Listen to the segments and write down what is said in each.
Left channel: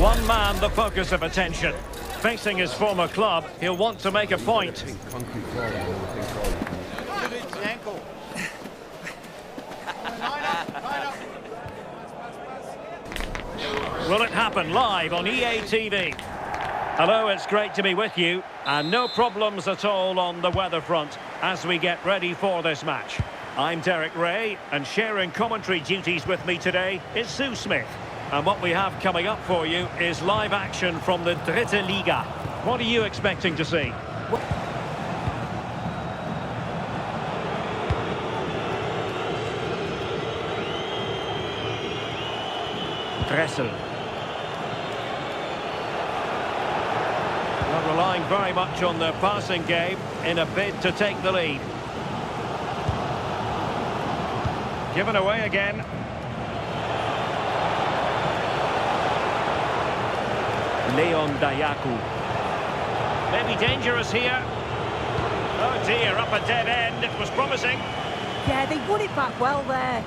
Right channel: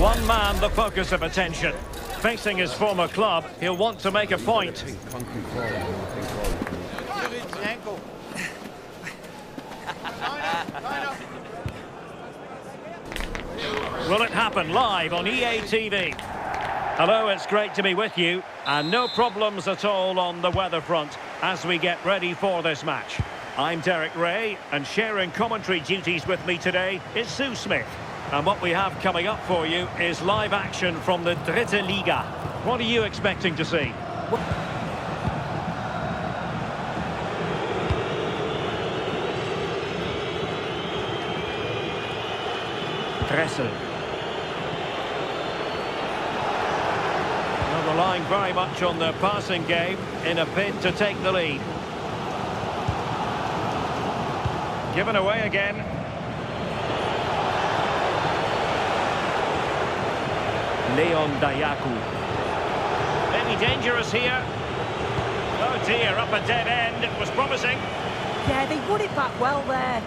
One man the focus of attention. Facing his former club, he'll want to make a point. Will it happen live on EA TV? Hello, it's great to be with you, and no problems at all on the weather front as we get ready for this match. I'm Derek Ray, and sharing commentary duties with me today is Sue Smith. And what we have coming up for you is live action from the Dritte Liga. What are you expecting to see? Dressel. Well, relying very much on their passing game in a bid to take the lead. Given away again. Leon Dayaku. Maybe dangerous here. Oh dear, up a dead end. It was promising. Yeah, they won it back well there.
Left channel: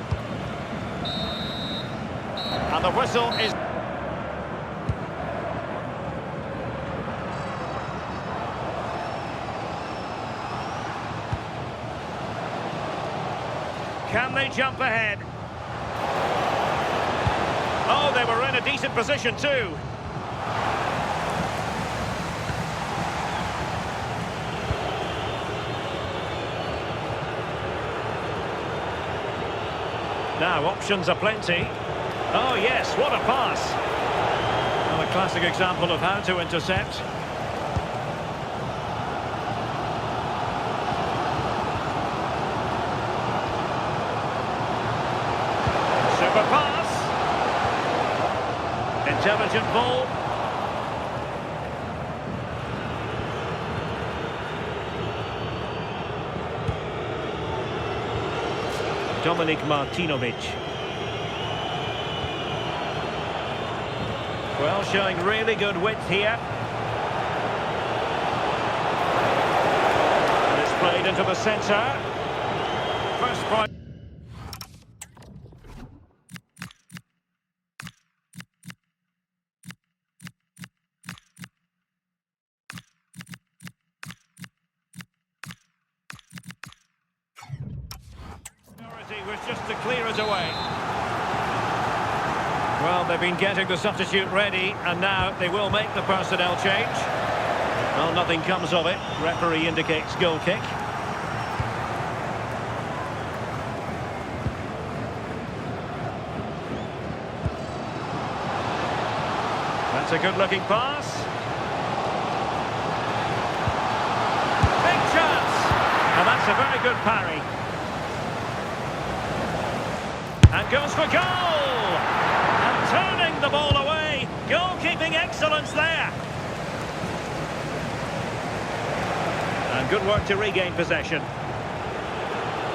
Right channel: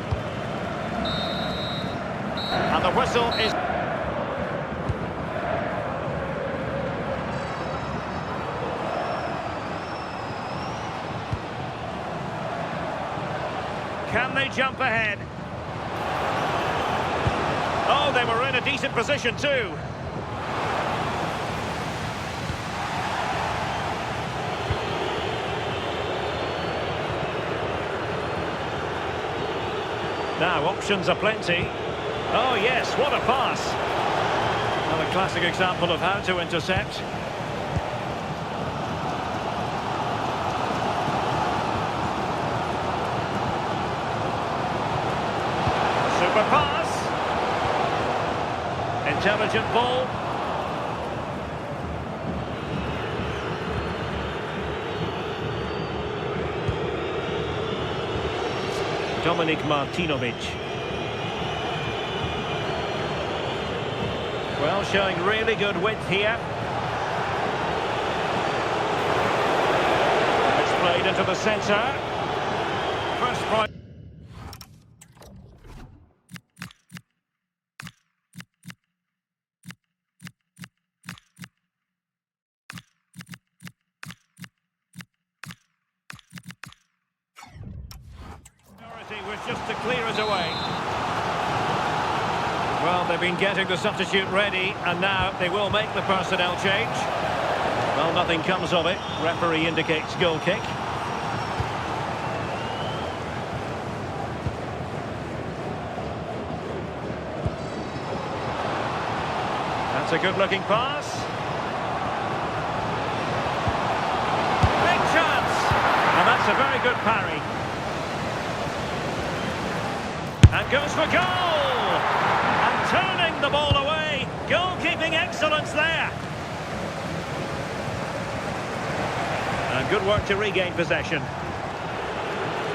And the whistle is... Can they jump ahead? Oh, they were in a decent position too. Now, options are plenty. Oh, yes, what a pass. Well, a classic example of how to intercept. Super pass. Intelligent ball. Dominik Martinovic. Well, showing really good width here. And it's played into the centre. First point. Was just to clear it away. Well, they've been getting the substitute ready, and now they will make the personnel change. Well, nothing comes of it. Referee indicates goal kick. That's a good-looking pass. Big chance! And that's a very good parry. And goes for goal! And turning the ball away. Goalkeeping excellence there. And good work to regain possession.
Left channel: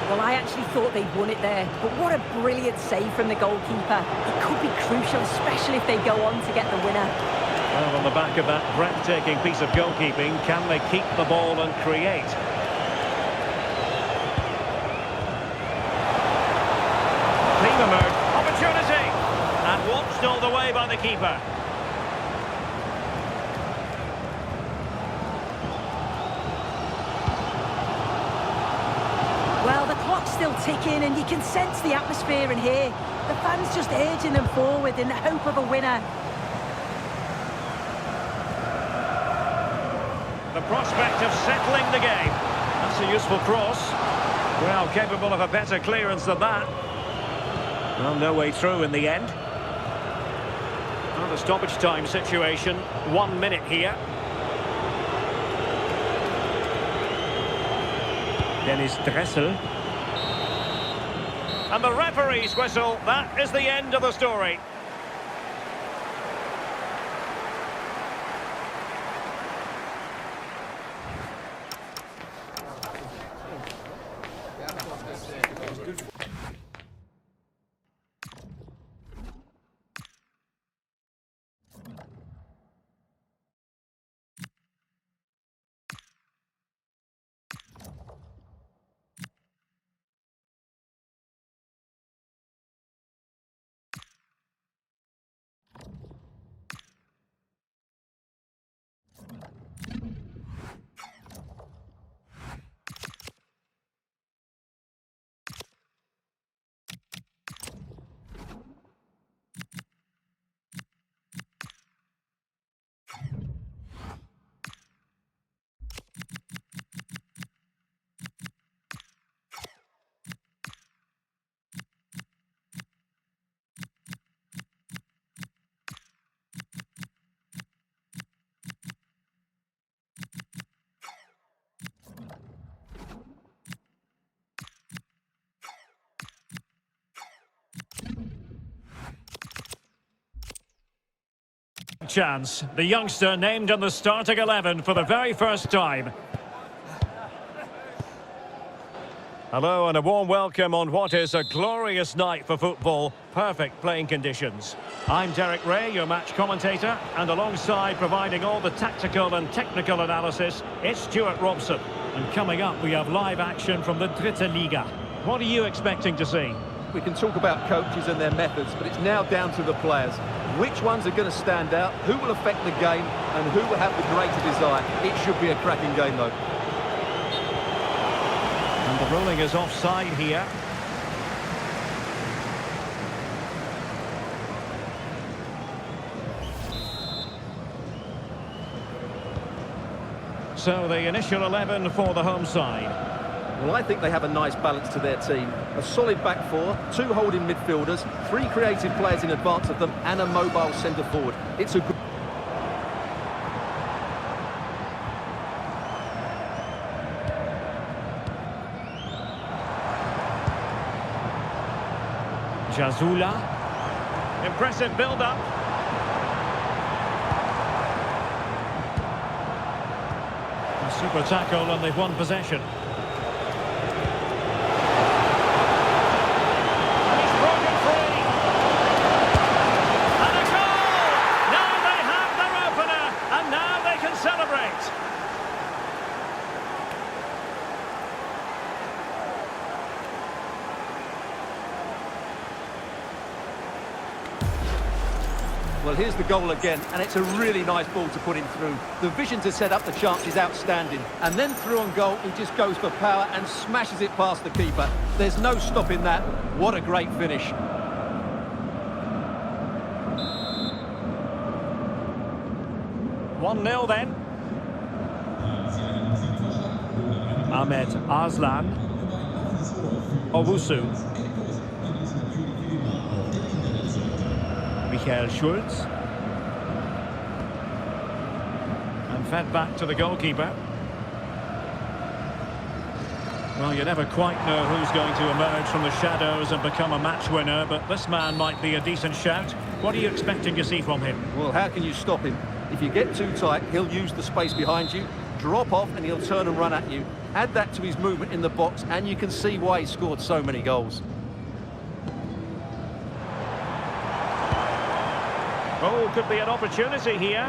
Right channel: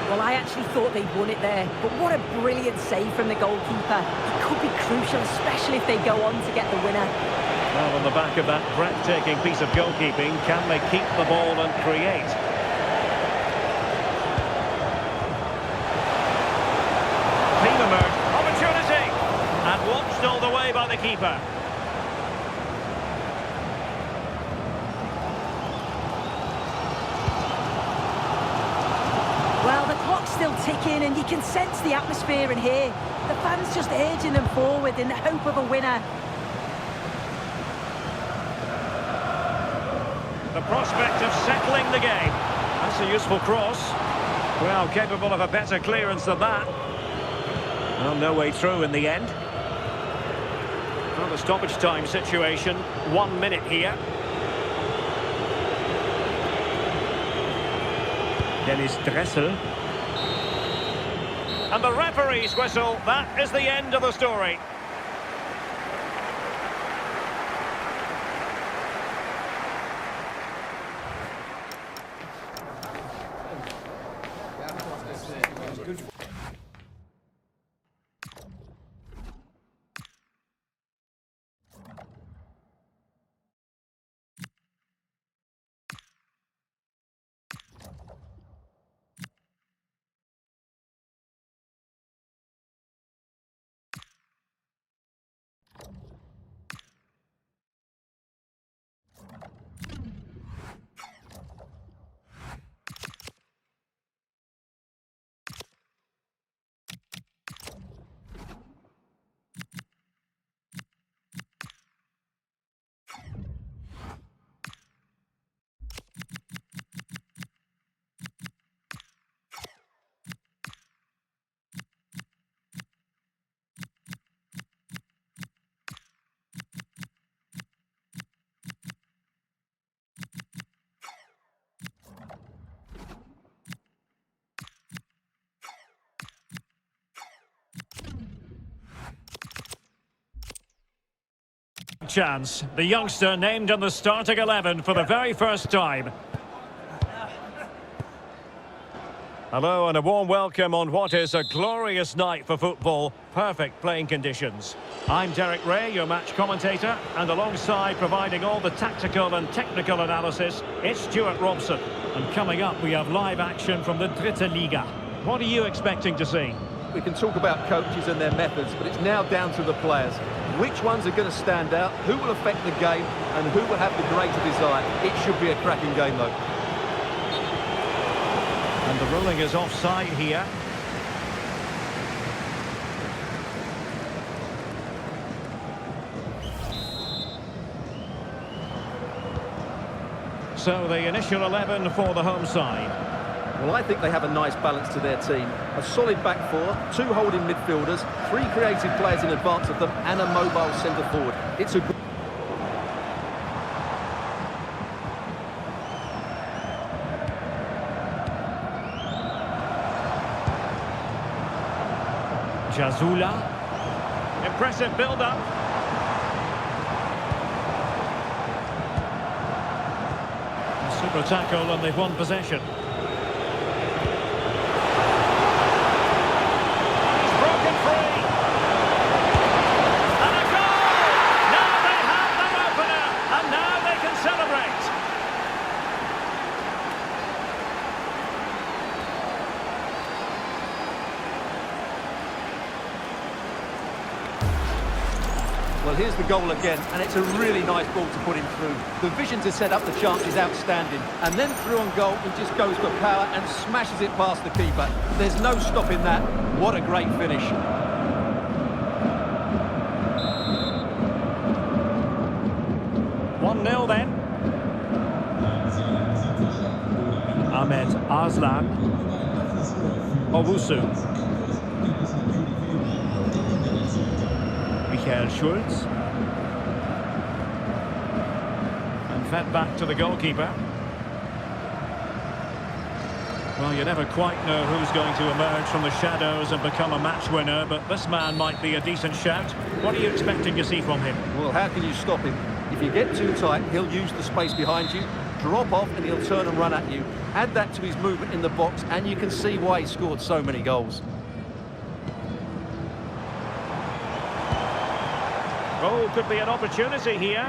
Well, I actually thought they'd won it there, but what a brilliant save from the goalkeeper. It could be crucial, especially if they go on to get the winner. Well, on the back of that breathtaking piece of goalkeeping, can they keep the ball and create? Team emerged, opportunity, and watched all the way by the keeper. Well, the clock's still ticking, and you can sense the atmosphere in here. The fans just urging them forward in the hope of a winner. The prospect of settling the game. That's a useful cross. Well, capable of a better clearance than that. Well, no way through in the end. Well, the stoppage time situation, 1 minute here. Dennis Dressel. And the referee's whistle, that is the end of the story. Chance, the youngster named in the starting 11 for the very first time. Hello and a warm welcome on what is a glorious night for football. Perfect playing conditions. I'm Derek Ray, your match commentator, and alongside providing all the tactical and technical analysis, it's Stuart Robson. And coming up, we have live action from the Dritte Liga. What are you expecting to see? We can talk about coaches and their methods, but it's now down to the players. Which ones are going to stand out, who will affect the game, and who will have the greater desire? It should be a cracking game, though. And the ruling is offside here. So the initial 11 for the home side. Well, I think they have a nice balance to their team. A solid back four, 2 holding midfielders, 3 creative players in advance of them, and a mobile centre forward. It's a good... Jazula. Impressive build-up. A super tackle and they've won possession. And he's broken free. And a goal! Now they have their opener, and now they can celebrate. Well, here's the goal again, and it's a really nice ball to put him through. The vision to set up the chance is outstanding. And then through on goal, he just goes for power and smashes it past the keeper. There's no stopping that. What a great finish. One 0 then. Ahmed Arslan. Owusu. Michael Schulz. And fed back to the goalkeeper. Well, you never quite know who's going to emerge from the shadows and become a match winner, but this man might be a decent shout. What are you expecting to see from him? Well, how can you stop him? If you get too tight, he'll use the space behind you, drop off, and he'll turn and run at you. Add that to his movement in the box, and you can see why he scored so many goals. Oh, could be an opportunity here.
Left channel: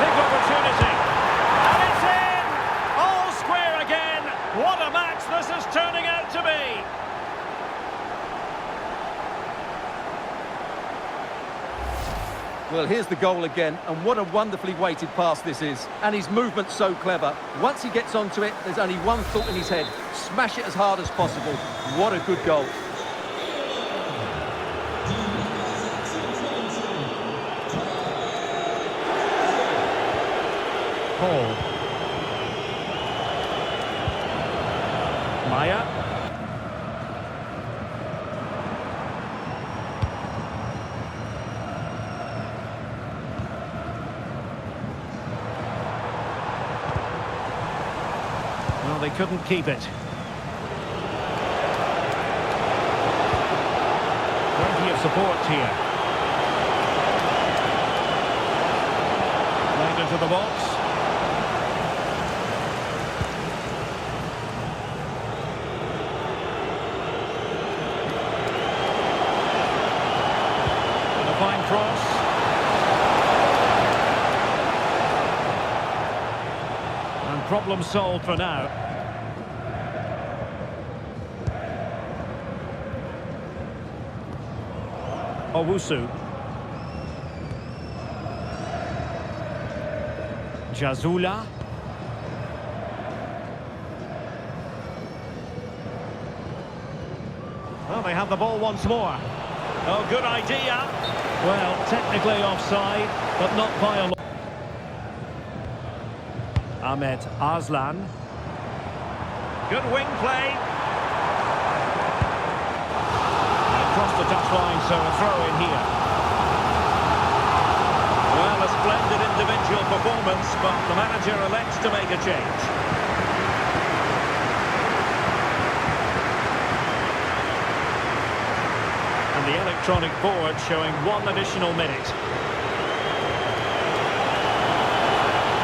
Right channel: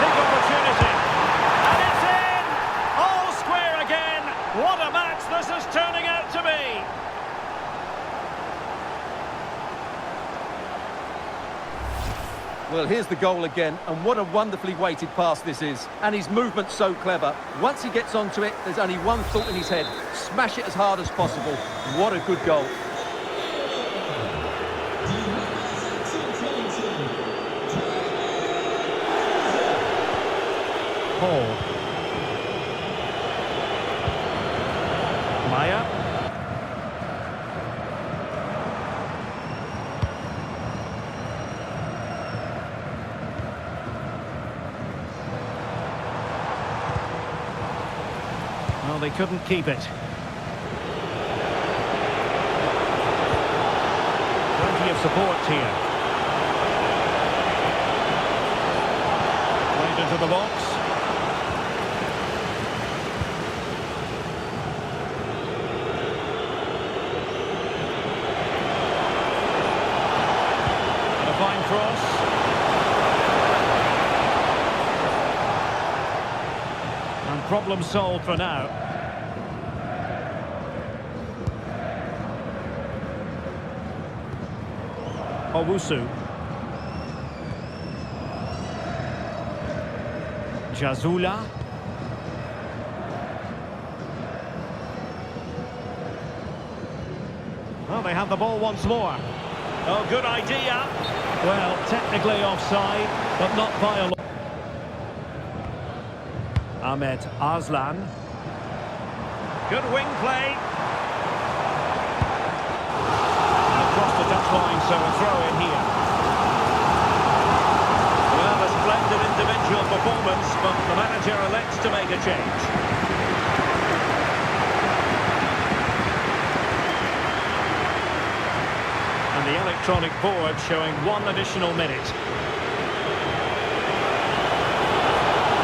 Big opportunity. And it's in! All square again. What a match this is turning out to be. Well, here's the goal again, and what a wonderfully weighted pass this is. And his movement's so clever. Once he gets onto it, there's only one thought in his head. Smash it as hard as possible. What a good goal. Paul. Maya. Well, they couldn't keep it. Plenty of support here. Played into the box. Fine cross. And problem solved for now. Owusu. Jazula. Well, they have the ball once more. Oh, good idea. Well, technically offside, but not by a lot. Ahmed Arslan. Good wing play. And across the touchline, so a throw in here. Well, a splendid individual performance, but the manager elects to make a change. And And the electronic board showing 1 additional minute.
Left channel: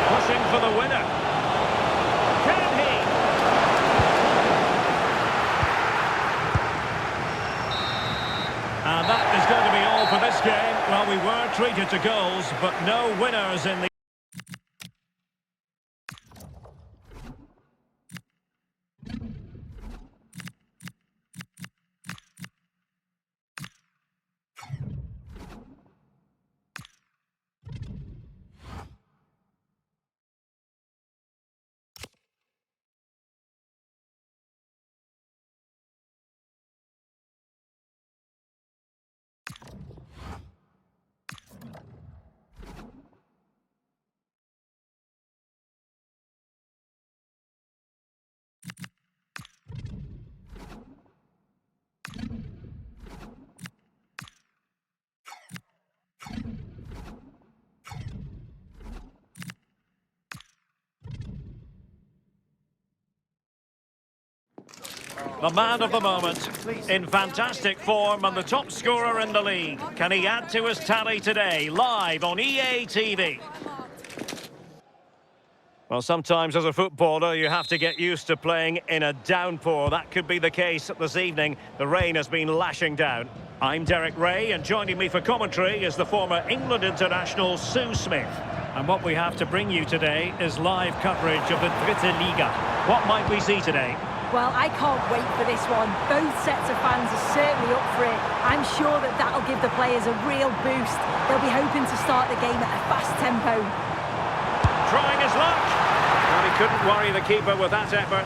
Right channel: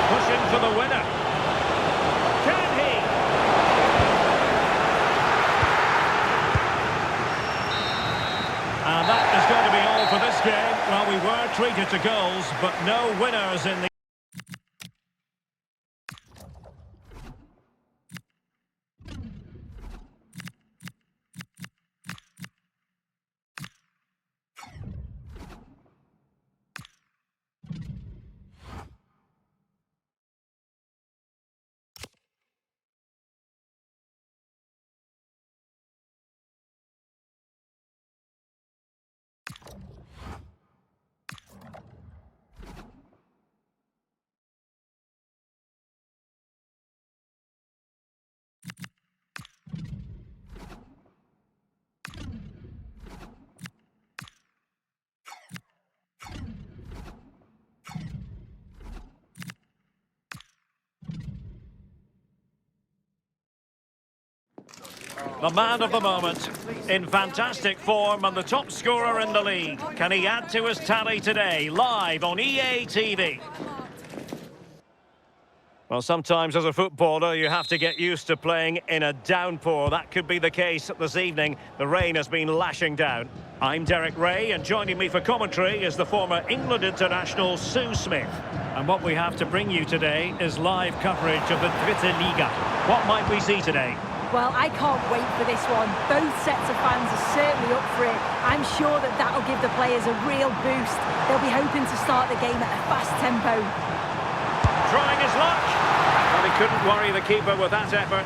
Pushing for the winner. Can he? And that is going to be all for this game. Well, we were treated to goals, but no winners in the... The man of the moment, in fantastic form and the top scorer in the league. Can he add to his tally today, live on EA TV? Well, sometimes as a footballer, you have to get used to playing in a downpour. That could be the case this evening. The rain has been lashing down. I'm Derek Ray, and joining me for commentary is the former England international Sue Smith. And what we have to bring you today is live coverage of the Dritte Liga. What might we see today? Well, I can't wait for this one. Both sets of fans are certainly up for it. I'm sure that that'll give the players a real boost. They'll be hoping to start the game at a fast tempo. Trying his luck. Well, he couldn't worry the keeper with that effort.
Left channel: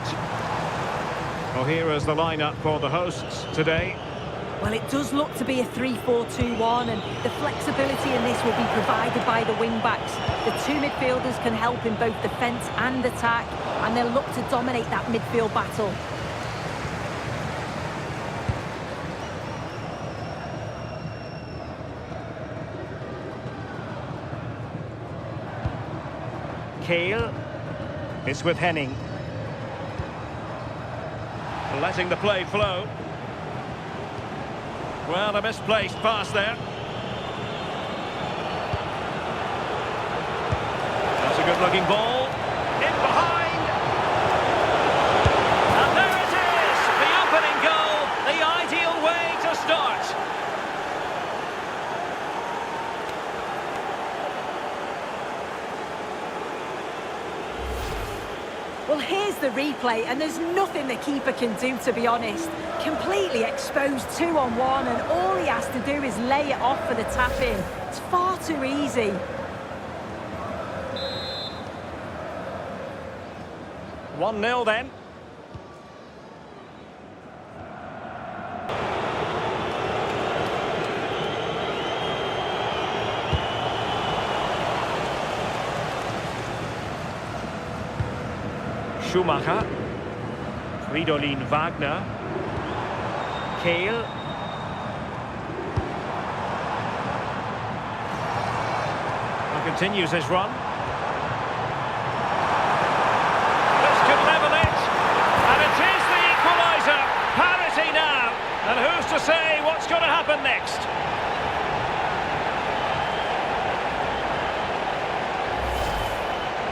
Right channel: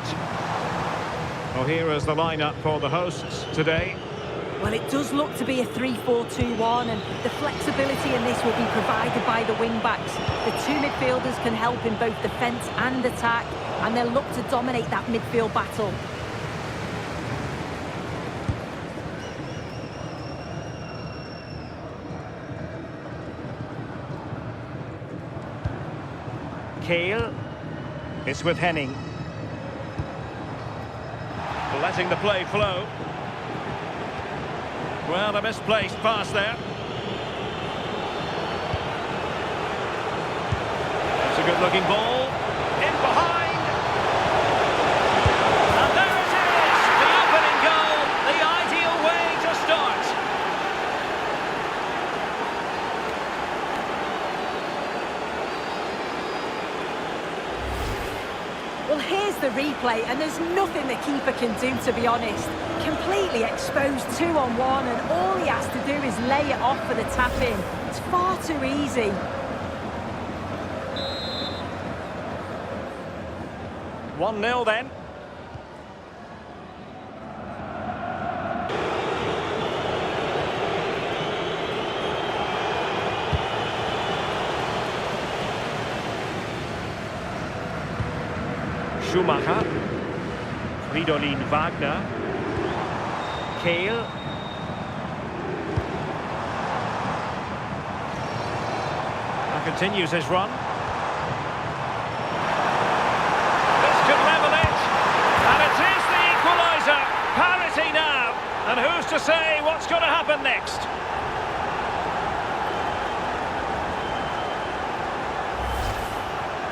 Well, here is the lineup for the hosts today. Well, it does look to be a 3-4-2-1, and the flexibility in this will be provided by the wing-backs. The two midfielders can help in both defence and attack, and they'll look to dominate that midfield battle. Kale. It's with Henning. Letting the play flow. Well, a misplaced pass there. That's a good-looking ball. In behind. And there it is! The opening goal. The ideal way to start. Well, here's the replay, and there's nothing the keeper can do, to be honest. Completely exposed 2-on-1, and all he has to do is lay it off for the tap-in. It's far too easy. One 0 then. Schumacher, Fridolin Wagner, Kale, and continues his run. This could level it, and it is the equaliser. Parity now, and who's to say what's going to happen next?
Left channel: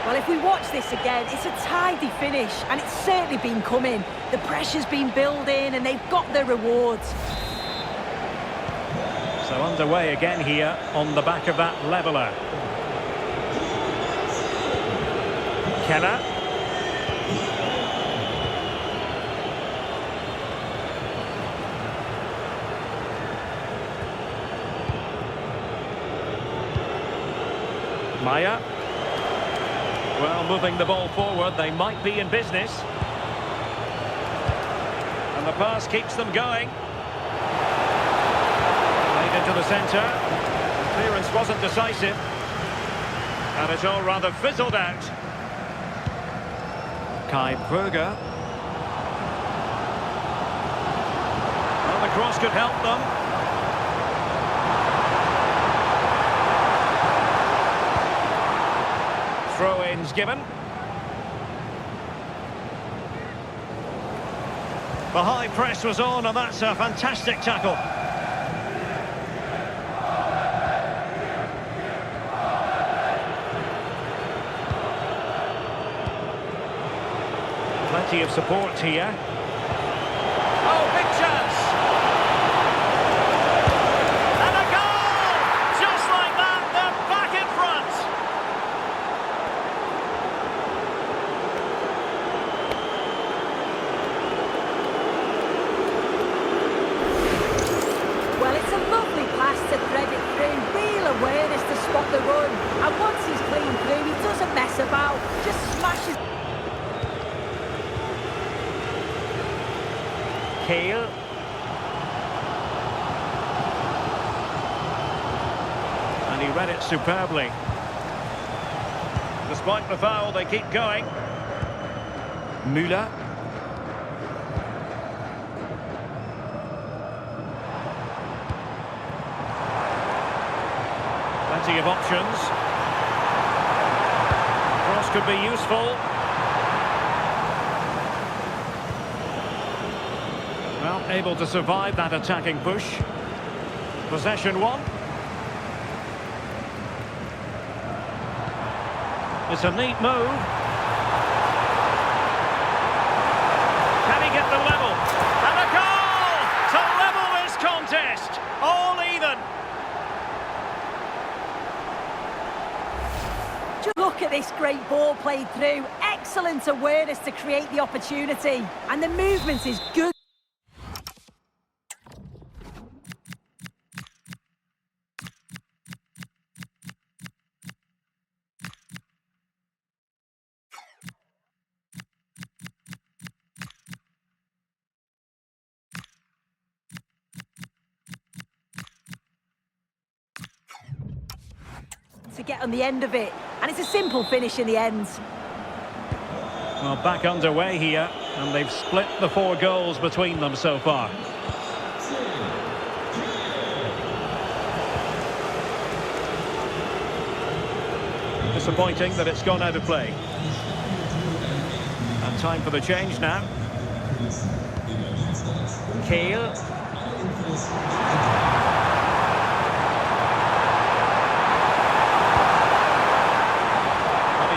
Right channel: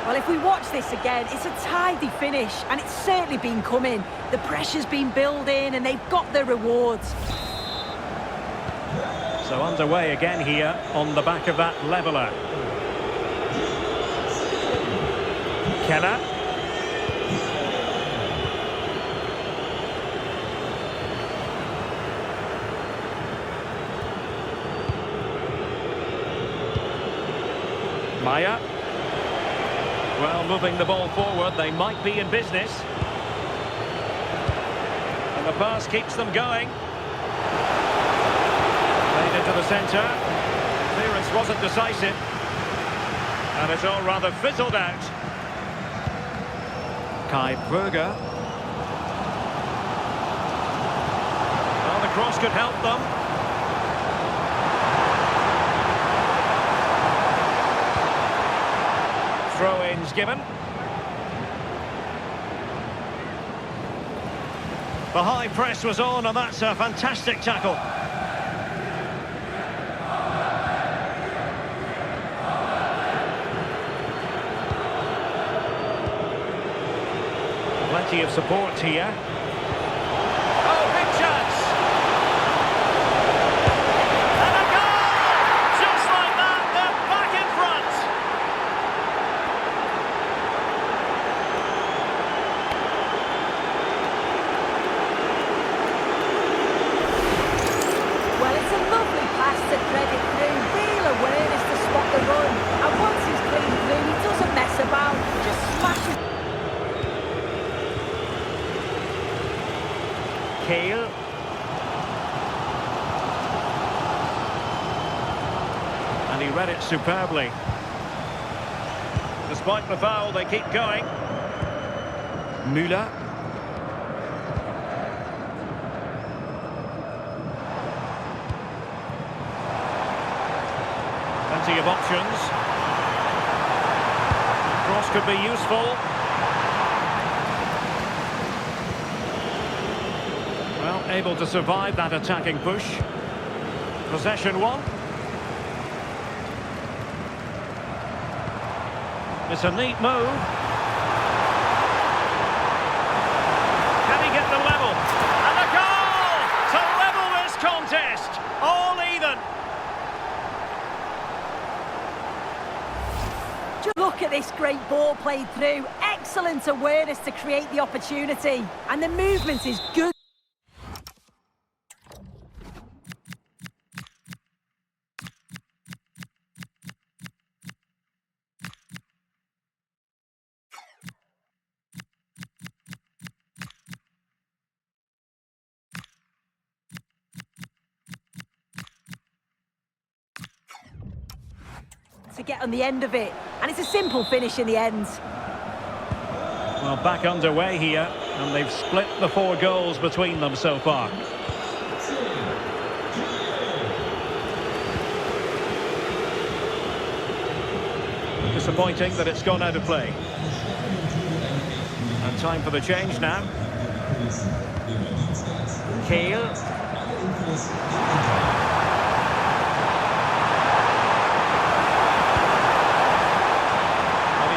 Well, if we watch this again, it's a tidy finish, and it's certainly been coming. The pressure's been building, and they've got their rewards. So underway again here on the back of that leveller. Keller. Maya. Well, moving the ball forward, they might be in business. And the pass keeps them going. Played into the centre. Clearance wasn't decisive. And it's all rather fizzled out. Kai Brugger. Well, the cross could help them. Throw-ins given. The high press was on, and that's a fantastic tackle. Plenty of support here. Oh, big chance! And a goal! Just like that, they're back in front! Well, it's a lovely pass to thread it through. Real awareness to spot the run. And once he's clean through, he doesn't mess about. Just smashes. Kale. And he read it superbly. Despite the foul, they keep going. Müller. Plenty of options. Cross could be useful. Well, able to survive that attacking push. Possession one. It's a neat move. Can he get the level? And a goal to level this contest. All even. Look at this great ball played through. Excellent awareness to create the opportunity. And the movement is good. To get on the end of it, and it's a simple finish in the end. Well, back underway here, and they've split the 4 goals between them so far. Disappointing that it's gone out of play. And time for the change now. Kale.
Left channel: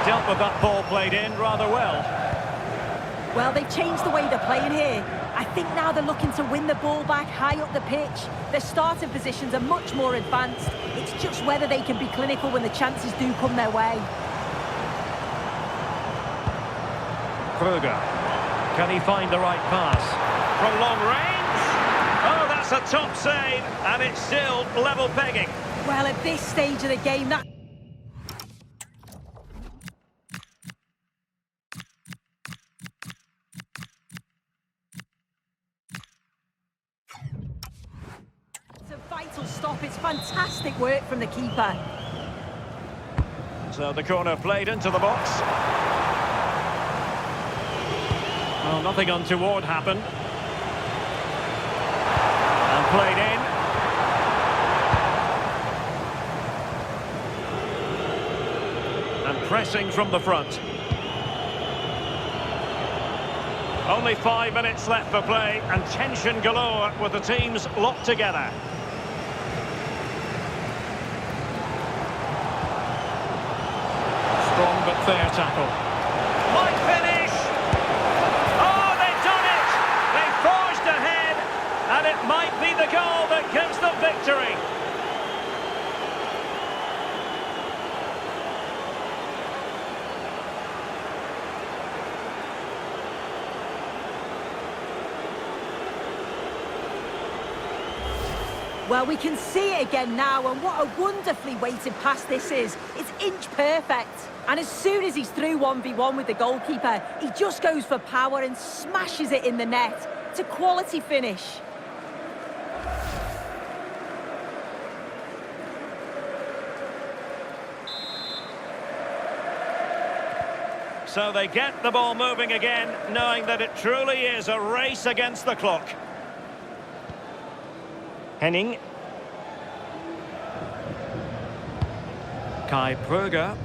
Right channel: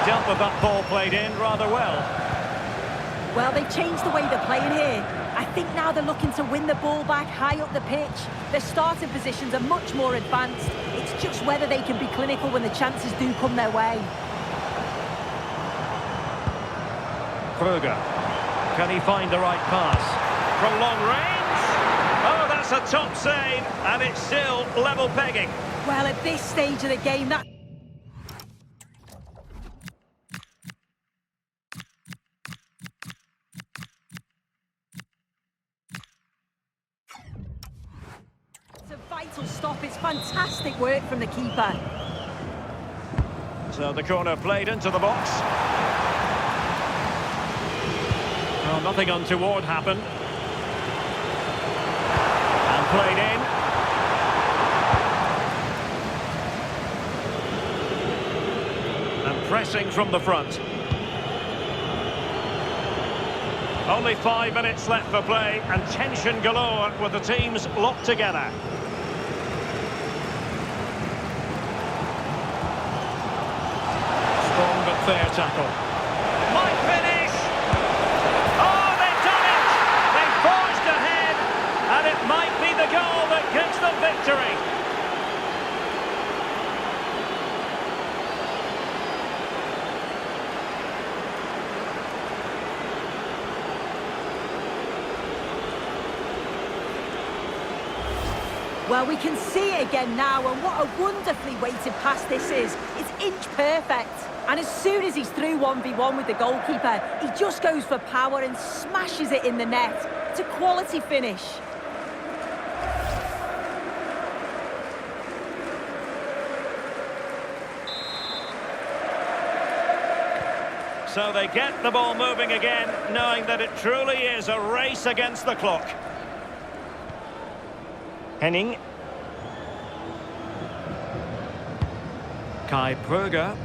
Dealt with that ball played in rather well. Well, they've changed the way they're playing here. I think now they're looking to win the ball back high up the pitch. Their starting positions are much more advanced. It's just whether they can be clinical when the chances do come their way. Krüger. Can he find the right pass? From long range? Oh, that's a top save, and it's still level pegging. Well, at this stage of the game, that... It's a vital stop. It's fantastic work from the keeper. So the corner played into the box. Well, nothing untoward happened. And played in. And pressing from the front. Only 5 minutes left for play, and tension galore with the teams locked together. Strong but fair tackle. Might finish! Oh, they've done it! They forged ahead, and it might be the goal that gives them victory. Well, we can see it again now, and what a wonderfully weighted pass this is. It's inch perfect. And as soon as he's through 1v1 with the goalkeeper, he just goes for power and smashes it in the net. It's a quality finish. So they get the ball moving again, knowing that it truly is a race against the clock. Henning. Kai Pröger.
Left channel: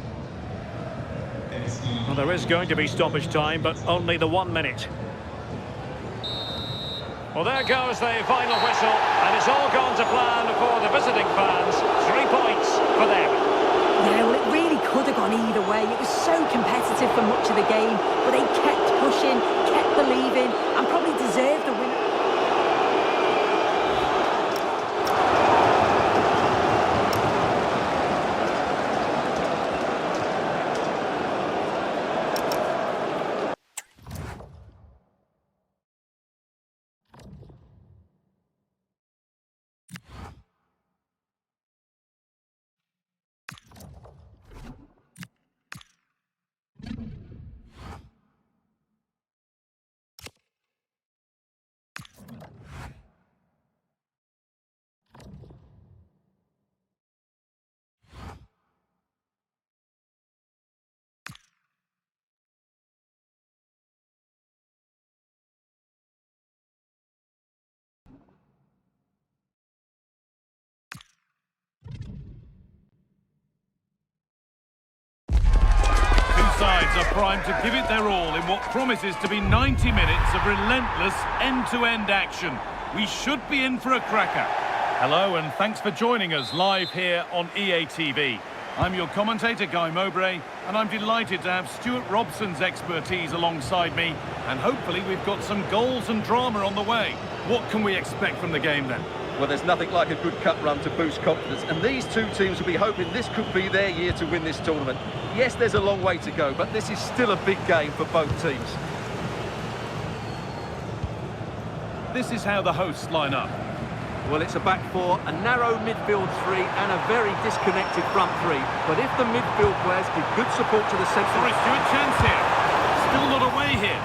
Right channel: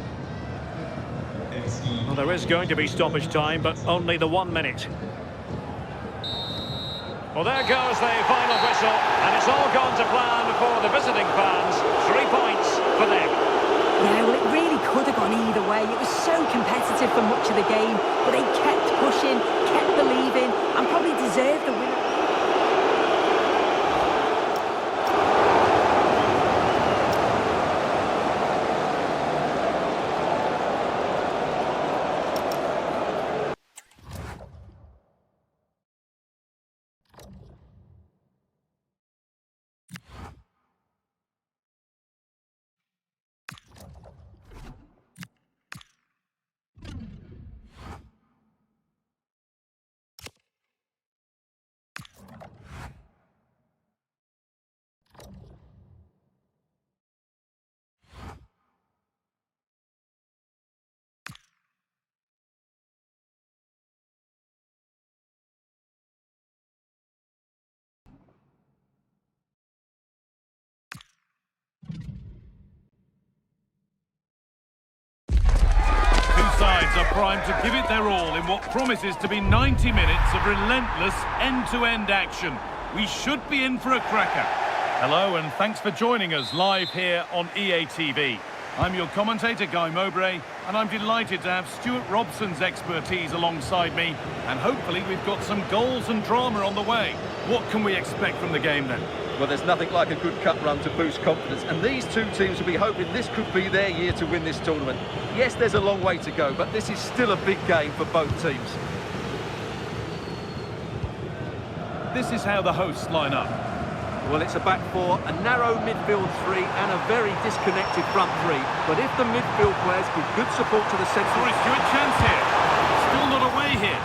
Well, there is going to be stoppage time, but only the 1 minute. Well, there goes the final whistle, and it's all gone to plan for the visiting fans. 3 points for them. Yeah, well, it really could have gone either way. It was so competitive for much of the game. but they kept pushing, kept believing, and probably deserved the winner. Sides are primed to give it their all in what promises to be 90 minutes of relentless end-to-end action. We should be in for a cracker. Hello and thanks for joining us live here on EATV. I'm your commentator, Guy Mowbray, and I'm delighted to have Stuart Robson's expertise alongside me, and hopefully we've got some goals and drama on the way. What can we expect from the game then? Well, there's nothing like a good cup run to boost confidence, and these two teams will be hoping this could be their year to win this tournament. Yes, there's a long way to go, but this is still a big game for both teams. This is how the hosts line up. Well, it's a back four, a narrow midfield three, and a very disconnected front three. But if the midfield players give good support to the centre... Sorry, Stuart, chance here. Still not away here.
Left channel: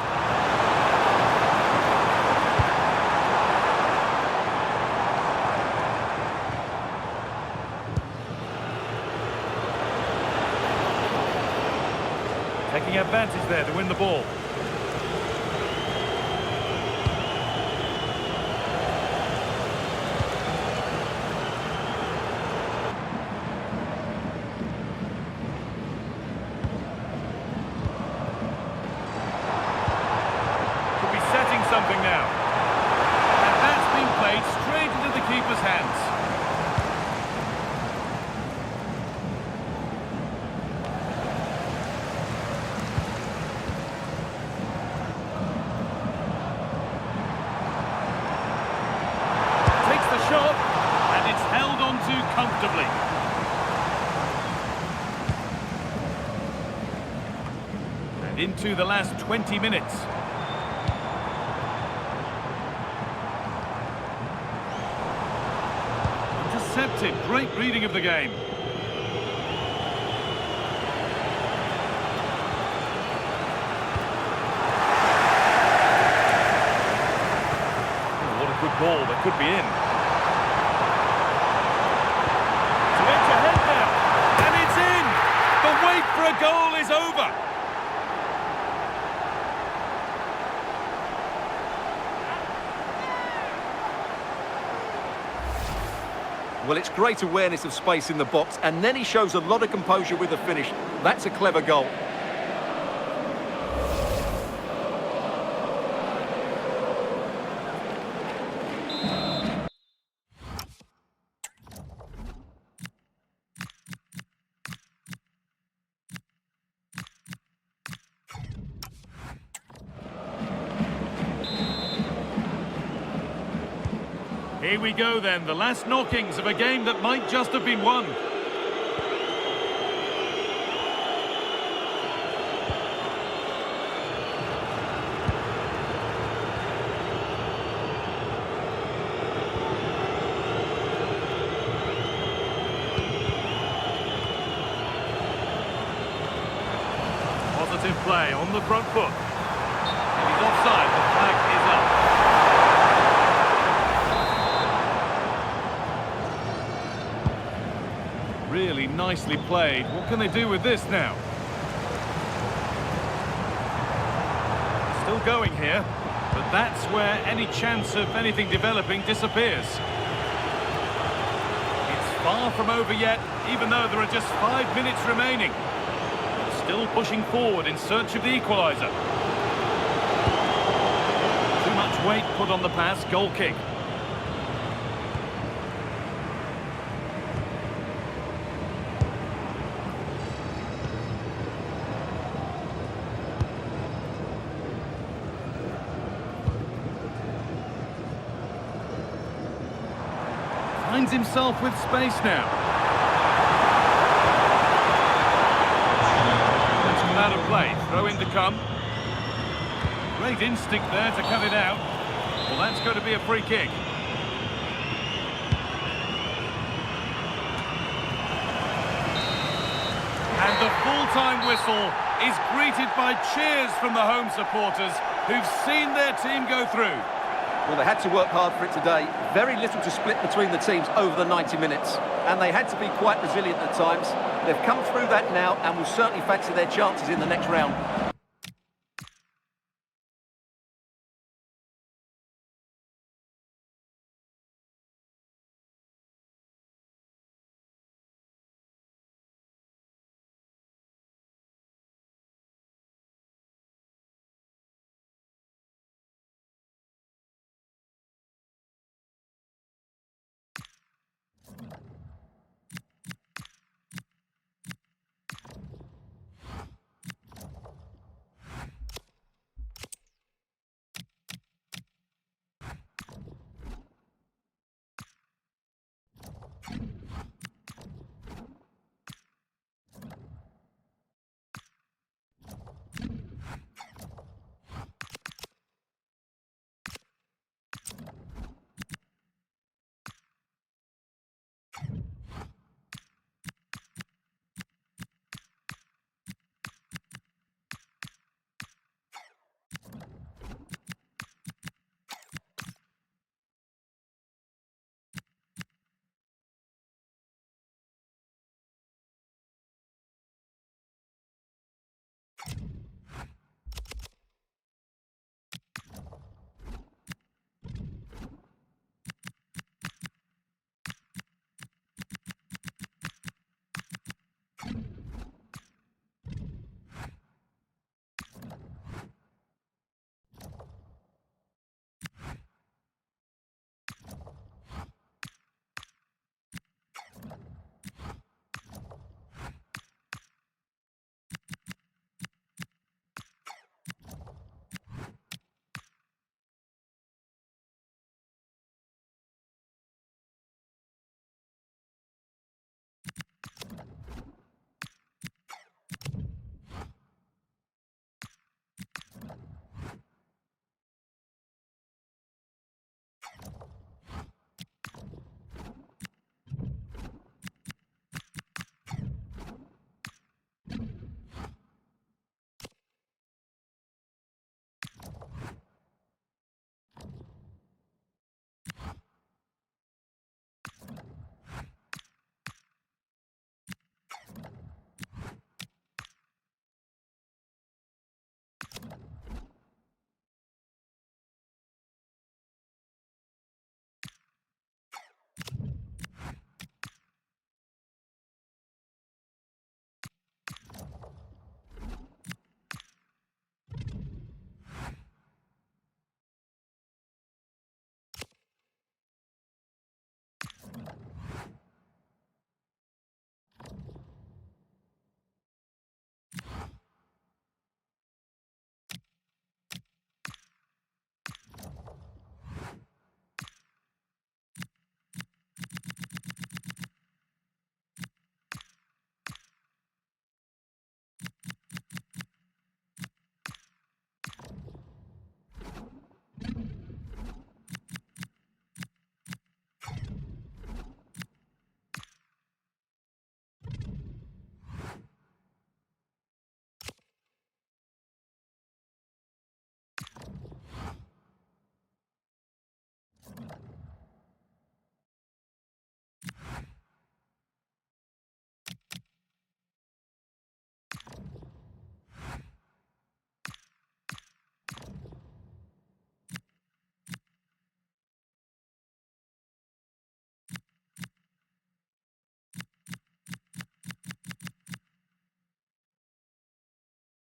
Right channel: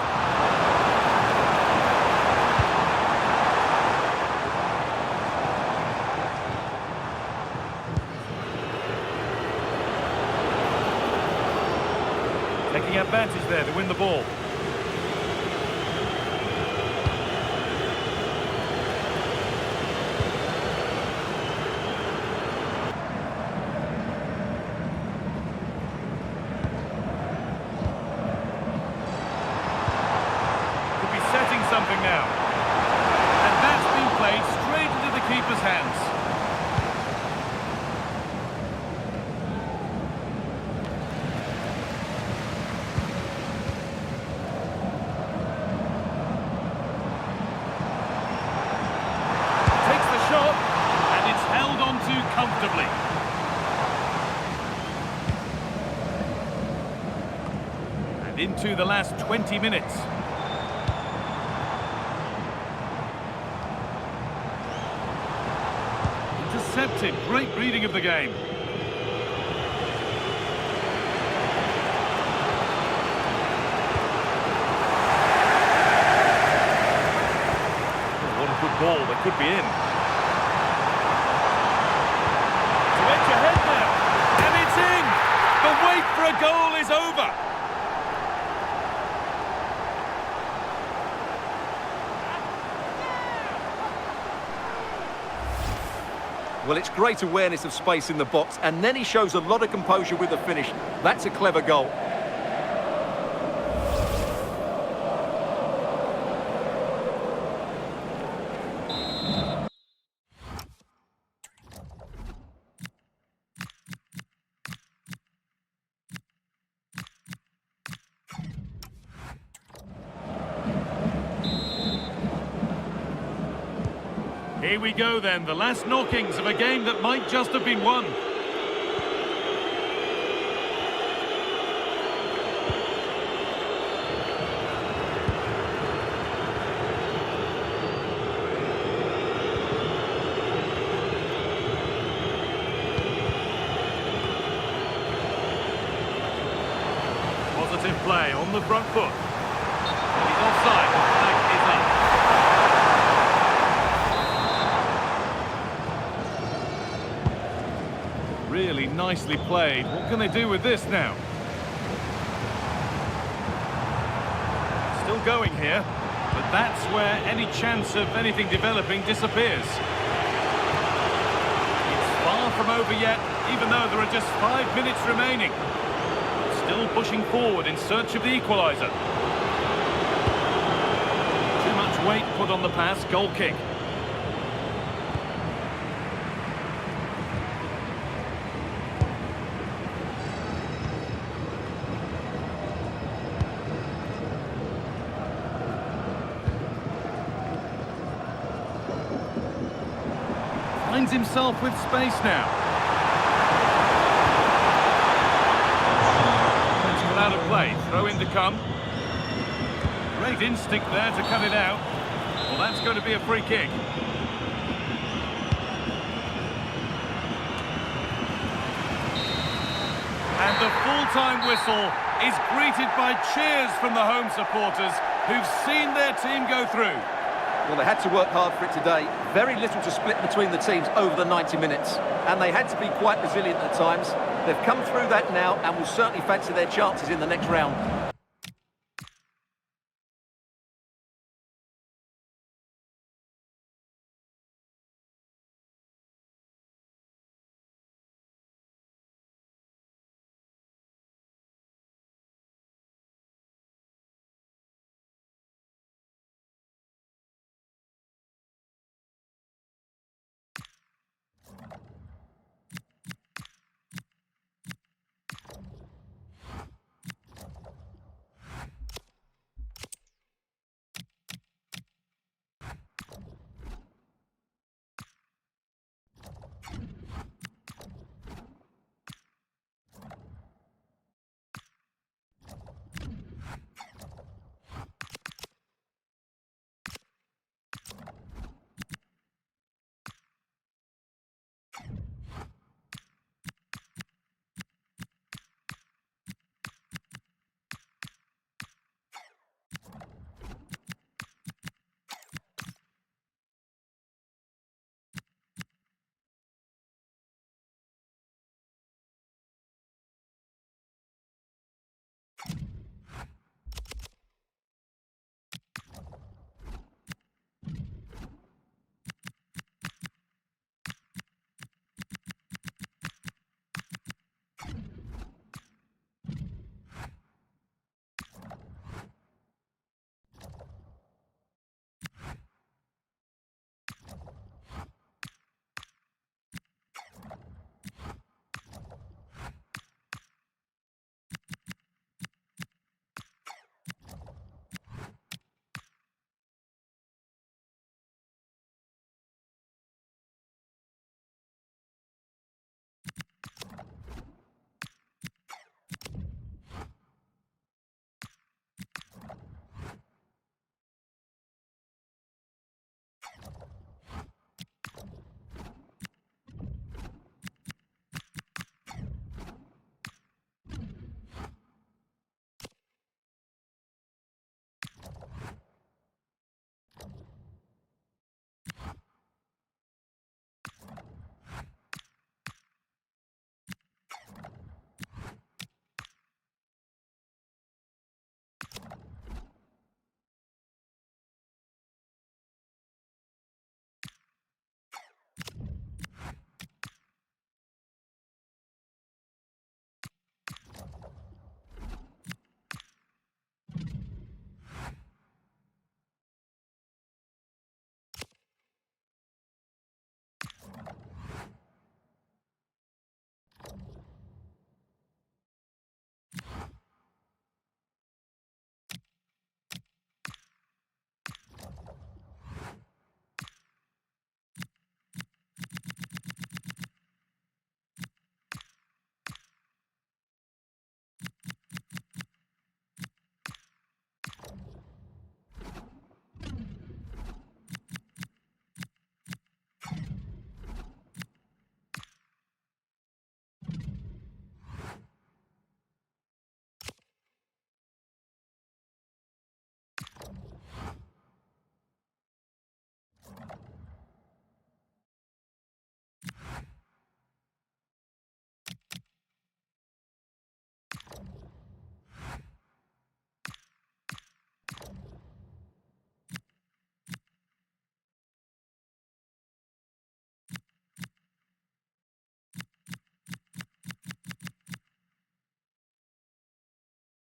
Taking advantage there to win the ball. Could be setting something now. And that's been played straight into the keeper's hands. Shot, and it's held on to comfortably. And into the last 20 minutes. Intercepted, great reading of the game. Oh, what a good ball, that could be in. Ahead now, and it's in! The wait for a goal is over! Well, it's great awareness of space in the box, and then he shows a lot of composure with the finish. That's a clever goal. Here we go then, the last knockings of a game that might just have been won. Positive play on the front foot. And he's offside, the flag is up. Really nicely played. What can they do with this now? Still going here, but that's where any chance of anything developing disappears. It's far from over yet, even though there are just 5 minutes remaining. But still pushing forward in search of the equaliser. Too much weight put on the pass, goal kick. finds himself with space now. It's come out of play. Throw in to come. Great instinct there to cut it out. Well, that's going to be a free kick. And the full-time whistle is greeted by cheers from the home supporters who've seen their team go through. Well, they had to work hard for it today. Very little to split between the teams over the 90 minutes. And they had to be quite resilient at times. They've come through that now and will certainly fancy their chances in the next round.